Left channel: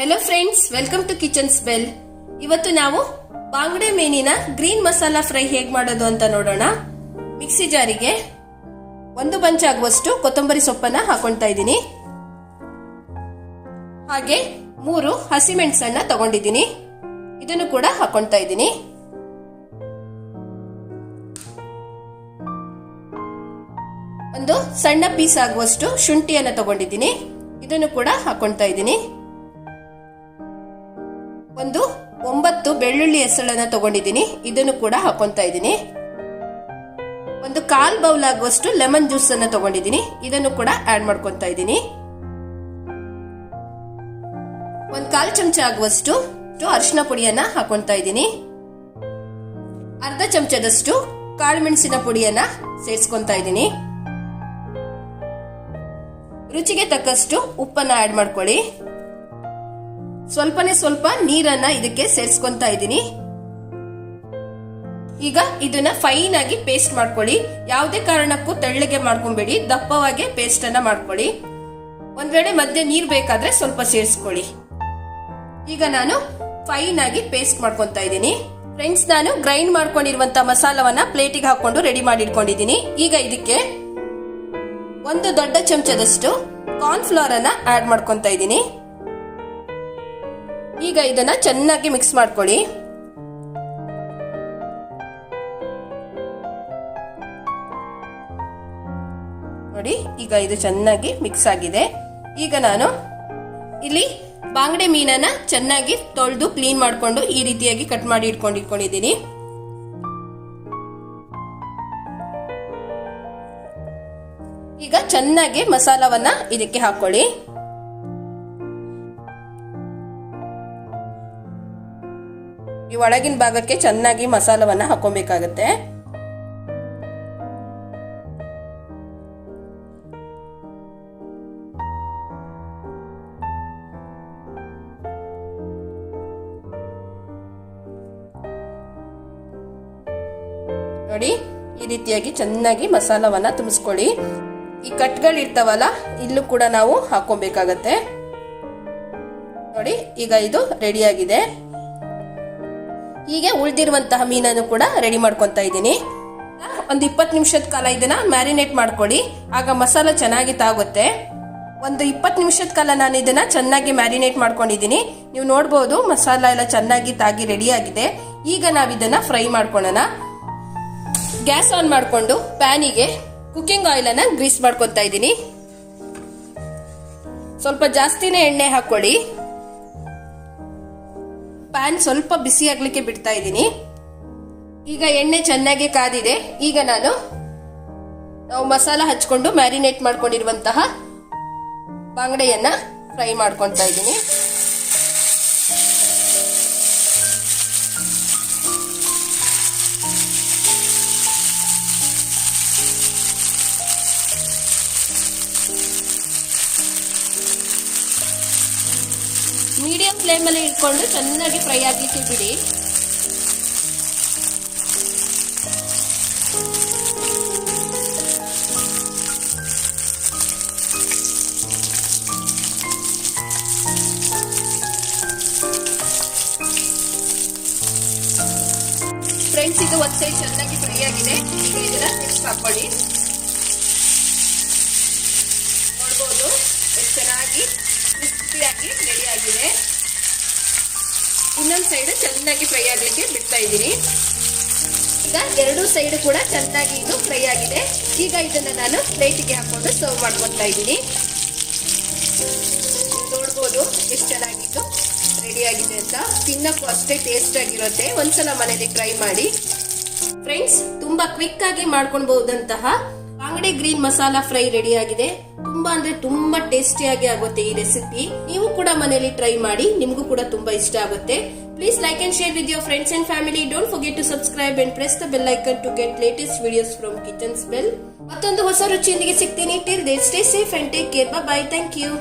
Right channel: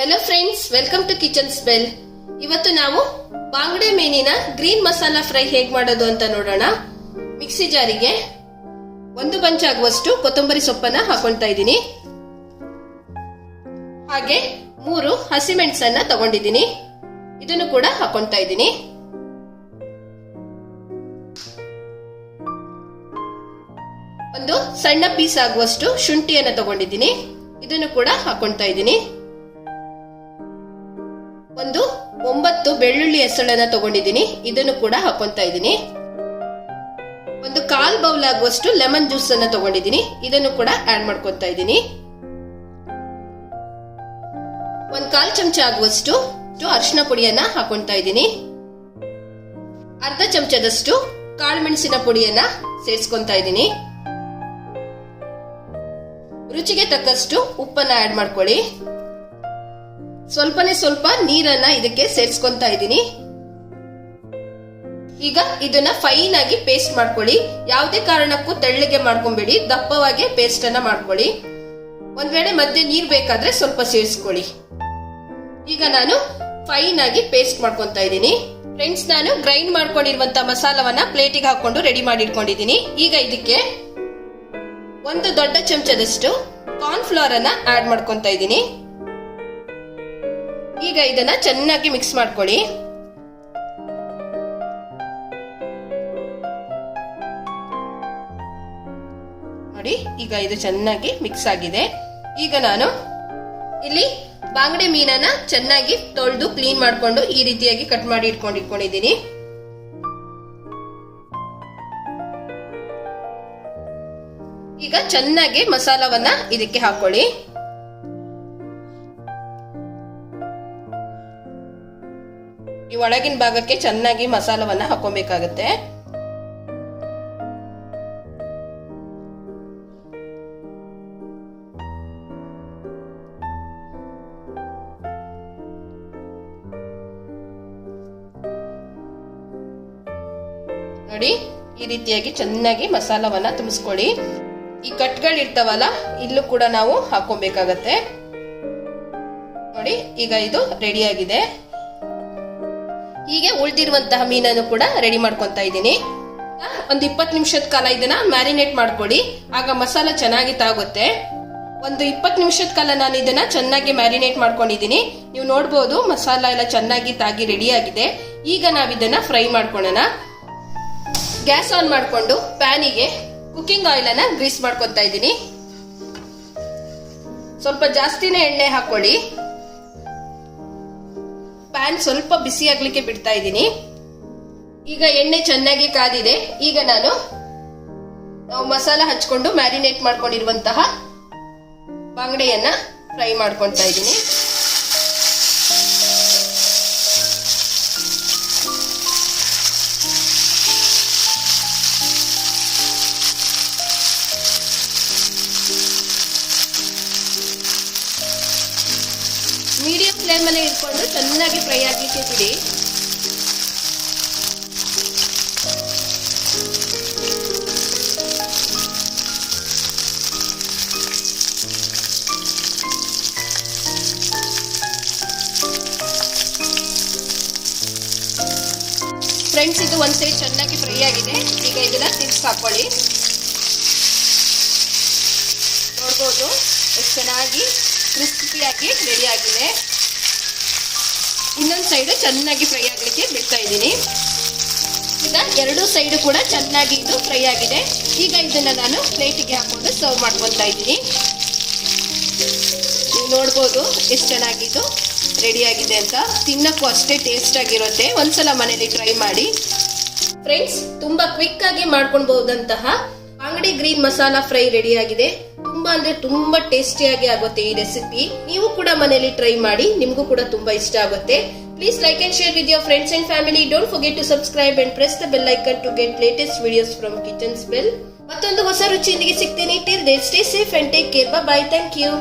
Hello friends, welcome to kitchen smell. ಇವತ್ತು ನಾವು ಬಾಂಗಡೆ ಮೀನಿನ ಗ್ರೀನ್ ಮಸಾಲಾ ಫ್ರೈ ಹೇಗೆ ಮಾಡೋದು ಅಂತ ನೋಡೋಣ. ಮಿಕ್ಸಿ ಜಾರಿಗೆ 1 ಬಂಚ್ ಆಗುವಷ್ಟು ಕೊತ್ತಂಬರಿ ಸೊಪ್ಪನ್ನ ಹಾಕೊಳ್ತಾ ಇದ್ದೀನಿ. ಹಾಗೆ 3 ಹಸಿಮೆಣಸನ್ನ ತಗೊಂಡಿದ್ದೀನಿ, ಇದನ್ನು ಕೂಡ ಹಾಕೊಳ್ತಾ ಇದ್ದೀನಿ. ಒಂದು ಸಣ್ಣ ಪೀಸ್ ಆಗುವಷ್ಟು ಶುಂಠಿಯನ್ನು ತಗೊಂಡಿದ್ದೀನಿ, ಇದನ್ನು ಕೂಡ ಹಾಕೊಳ್ತಾ ಇದ್ದೀನಿ. ಒಂದು 9 ಬೆಳ್ಳುಳ್ಳಿ ಹೆಸಳನ್ನ ತಗೊಂಡಿದ್ದೀನಿ, ಇದನ್ನು ಕೂಡ ಹಾಕೊಳ್ತಾ ಇದ್ದೀನಿ. ಒಂದು 1/4 ಬೌಲ್ ಆಗುವಷ್ಟು ಲೆಮನ್ ಜ್ಯೂಸ್ ಅನ್ನ ತಗೊಂಡಿದ್ದೀನಿ, ಇದನ್ನು ಕೂಡ ಆಡ್ ಮಾಡ್ಕೊತಾ ಇದ್ದೀನಿ. 1/4 ಚಮಚ ಆಗುವಷ್ಟು ಅರಿಶಿನ ಪುಡಿಯನ್ನ ಹಾಕೊಳ್ತಾ ಇದ್ದೀನಿ. ಅರ್ಧ ಚಮಚದಷ್ಟು ಕಾಳು ಮೆಣಸಿನ ಪುಡಿಯನ್ನ ಸೇರಿಸ್ಕೊಂತಾ ಇದ್ದೀನಿ. ರುಚಿಗೆ ತಕ್ಕಷ್ಟು ಉಪ್ಪನ್ನ ಆಡ್ ಮಾಡ್ಕೊಳ್ಳಿ. ಸ್ವಲ್ಪ ನೀರನ್ನ ಇದಕ್ಕೆ ಸೇರಿಸ್ಕೊಂತಾ ಇದ್ದೀನಿ. ಈಗ ಇದನ್ನ ಫೈನ್ ಆಗಿ ಪೇಸ್ಟ್ ಮಾಡ್ಕೊಳ್ಳಿ. ಯಾವುದೇ ಕಾರಣಕ್ಕೂ ತೆಳ್ಳಗೆ ಮಾಡ್ಕೊಂಬೇಡಿ, ದಪ್ಪವಾಗಿ ಪೇಸ್ಟ್ ಅನ್ನ ಮಾಡ್ಕೊಳ್ಳಿ. ಒಂದ್ ವೇಳೆ ಮಧ್ಯೆ ನೀರ್ ಬೇಕಾದ್ರೆ ಸ್ವಲ್ಪ ಸೇರಿಸ್ಕೊಳ್ಳಿ. ಈಗ ನಾನು ಫೈನ್ ಆಗಿ ಪೇಸ್ಟ್ ಮಾಡ್ಕೊಂತಾ ಇದ್ದೀನಿ. ಫ್ರೆಂಡ್ಸ್, ನಾನು ಗ್ರೈಂಡ್ ಮಾಡ್ಕೊಂಡಿರುವಂತ ಮಸಾಲವನ್ನ ಪ್ಲೇಟಿಗೆ ಹಾಕೊಂಡು ರೆಡಿ ಮಾಡಿ ಇಟ್ಕೊಂಡಿದ್ದೀನಿ. ಈಗ ಇದಕ್ಕೆ 1 ದೊಡ್ಡ ಚಮಚದಷ್ಟು ಕಾರ್ನ್ ಫ್ಲೋರ್ ಅನ್ನ ಆಡ್ ಮಾಡ್ಕೊಂತಾ ಇದ್ದೀನಿ. ಈಗ ಇದನ್ನ ಚೆನ್ನಾಗಿ ಮಿಕ್ಸ್ ಮಾಡ್ಕೊಳ್ಳಿ. ನೋಡಿ, ಈಗ ಇದು ಚೆನ್ನಾಗಿ ಮಿಕ್ಸ್ ಆಗಿದೆ. ಈಗ ನಾನು ಇಲ್ಲಿ ಬಾಂಗಡೆ ಮೀನನ್ನ ಚೆನ್ನಾಗಿ ತೊಳೆದು ಕ್ಲೀನ್ ಮಾಡ್ಕೊಂಡು ಈ ರೀತಿಯಾಗಿ ಕಟ್ ಮಾಡಿ ಇಟ್ಕೊಂಡಿದ್ದೀನಿ. ಈಗ ಚೆನ್ನಾಗಿ ಮಸಾಲವನ್ನ ಇದಕ್ಕೆ ಹಾಕೊಳ್ಳಿ. ಈ ಒಳಗಿನ ಭಾಗಕ್ಕೆ ಚೆನ್ನಾಗಿ ಮಸಾಲವನ್ನ ಹಾಕೊಬೇಕಾಗತ್ತೆ. ನೋಡಿ, ಈ ರೀತಿಯಾಗಿ ಚೆನ್ನಾಗಿ ಮಸಾಲವನ್ನ ತುಂಬಿಸ್ಕೊಳ್ಳಿ. ಈ ಕಟ್ಗಳಿರ್ತಾವಲ್ಲ, ಇಲ್ಲೂ ಕೂಡ ನಾವು ಹಾಕೊಬೇಕಾಗತ್ತೆ. ನೋಡಿ, ಈಗ ಇದು ರೆಡಿ ಆಗಿದೆ. ಹೀಗೆ ಉಳಿದಿರುವಂತಹ ಮೀನನ್ನು ಕೂಡ ರೆಡಿ ಮಾಡ್ಕೊಂತಾ ಇದ್ದೀನಿ. ಒಂದು 20 ನಿಮಿಷದ ಕಾಲ ಇದನ್ನ ಮ್ಯಾರಿನೇಟ್ ಮಾಡ್ಕೊಳ್ಳಿ, ಆಗ ಮಸಾಲ ಚೆನ್ನಾಗಿ ತಾಗುತ್ತೆ. ಒಂದು 20 ನಿಮಿಷದ ಕಾಲ ನಾನು ಇದನ್ನ ಚೆನ್ನಾಗಿ ಮ್ಯಾರಿನೇಟ್ ಮಾಡ್ಕೊಂಡಿದ್ದೀನಿ. ನೀವು ನೋಡಬಹುದು ಮಸಾಲ ಎಲ್ಲ ಚೆನ್ನಾಗಿ ತಾಗಿ ರೆಡಿ ಆಗಿದೆ. ಈಗ ನಾವು ಇದನ್ನ ಫ್ರೈ ಮಾಡ್ಕೊಳ್ಳೋಣ. ಗ್ಯಾಸ್ ಆನ್ ಮಾಡಿಕೊಂಡು ಪ್ಯಾನಿಗೆ ಕುಕಿಂಗ್ ಆಯಿಲ್ ಅನ್ನ ಗ್ರೀಸ್ ಮಾಡ್ಕೊತಾ ಇದ್ದೀನಿ. ಸ್ವಲ್ಪ ಜಾಸ್ತಿನೇ ಎಣ್ಣೆ ಹಾಕೊಳ್ಳಿ. ಪ್ಯಾನ್ ಸ್ವಲ್ಪ ಬಿಸಿ ಆಗ್ಲಿಕ್ಕೆ ಬಿಡ್ತಾ ಇದ್ದೀನಿ. ಈಗ ಎಣ್ಣೆ ಚೆನ್ನಾಗಿ ಕಾದಿದೆ. ಈಗ ನಾವು ಮಸಾಲ ಹಚ್ಕೊಂಡು ಮ್ಯಾರಿನೇಟ್ ಮಾಡ್ಕೊಂಡಿರುವಂತಹ ಬಾಂಗಡೆಯನ್ನ ಫ್ರೈ ಮಾಡ್ಕೊತಾ ಇದ್ದೀನಿ. ಮೀಡಿಯಂ ಫ್ಲೇಮ್ ಅಲ್ಲಿ ಇಟ್ಕೊಂಡು ಚೆನ್ನಾಗಿ ಫ್ರೈ ಆಗ್ಲಿಕ್ಕೆ ಬಿಡಿ. ಫ್ರೆಂಡ್ಸ್, ಇದು ಒಂದ್ ಸೈಡ್ ಚೆನ್ನಾಗಿ ಫ್ರೈ ಆಗಿದೆ. ಈಗ ಇದನ್ನ ತಿರ್ಗಿಸಿ ಹಾಕೊಳ್ಳಿ. ನೋಡ್ಬೋದು ಎಷ್ಟು ಚೆನ್ನಾಗಿ ಕ್ರಿಸ್ಪಿಯಾಗಿ ರೆಡಿ ಆಗಿದೆ. ಇನ್ನೊಂದು ಸೈಡ್ ಚೆನ್ನಾಗಿ ಫ್ರೈ ಆಗಲಿಕ್ಕೆ ಬಿಡ್ತಾ ಇದ್ದೀನಿ. ಈಗ 2 ಸೈಡ್ ಕೂಡ ಚೆನ್ನಾಗಿ ಇದು ಫ್ರೈ ಆಗಿದೆ. ಈಗ ಇದನ್ನ ನಾನು ಪ್ಲೇಟಿಗೆ ಹಾಕೊಂಡು ಸರ್ವ್ ಮಾಡ್ಕೊತಾ ಇದ್ದೀನಿ. ನೀವು ನೋಡ್ಬೋದು ಎಷ್ಟು ಚೆನ್ನಾಗಿ ಇದು ರೆಡಿ ಆಗಿದೆ ಅಂತ. ತಿನ್ನಕ್ಕೂ ಅಷ್ಟೇ ಟೇಸ್ಟ್ ಆಗಿರುತ್ತೆ. ಒಂದ್ಸಲ ಮನೇಲಿ ಟ್ರೈ ಮಾಡಿ. ಫ್ರೆಂಡ್ಸ್, ತುಂಬಾ ಕ್ವಿಕ್ ಆಗಿ ಮಾಡ್ಕೊಳ್ಬಹುದಂತಹ ಬಾಂಗಡೆ ಗ್ರೀನ್ ಮಸಾಲಾ ಫ್ರೈ ರೆಡಿ ಆಗಿದೆ. ತುಂಬಾ ಅಂದ್ರೆ ತುಂಬಾ ಟೇಸ್ಟಿಯಾಗಿ ಆಗುತ್ತೆ ಈ ರೆಸಿಪಿ. ನೀವು ಕೂಡ ಮನೆಯಲ್ಲಿ ಟ್ರೈ ಮಾಡಿ, ನಿಮಗೂ ಕೂಡ ತುಂಬಾ ಇಷ್ಟ ಆಗುತ್ತೆ. Please like and share with your friends and family. Don't forget to subscribe and press the bell icon to get latest videos from kitchen smell. ಮತ್ತೊಂದು ಹೊಸ ರುಚಿಯೊಂದಿಗೆ ಸಿಗ್ತೀನಿ. Till then stay safe and take care. Bye. Thank you.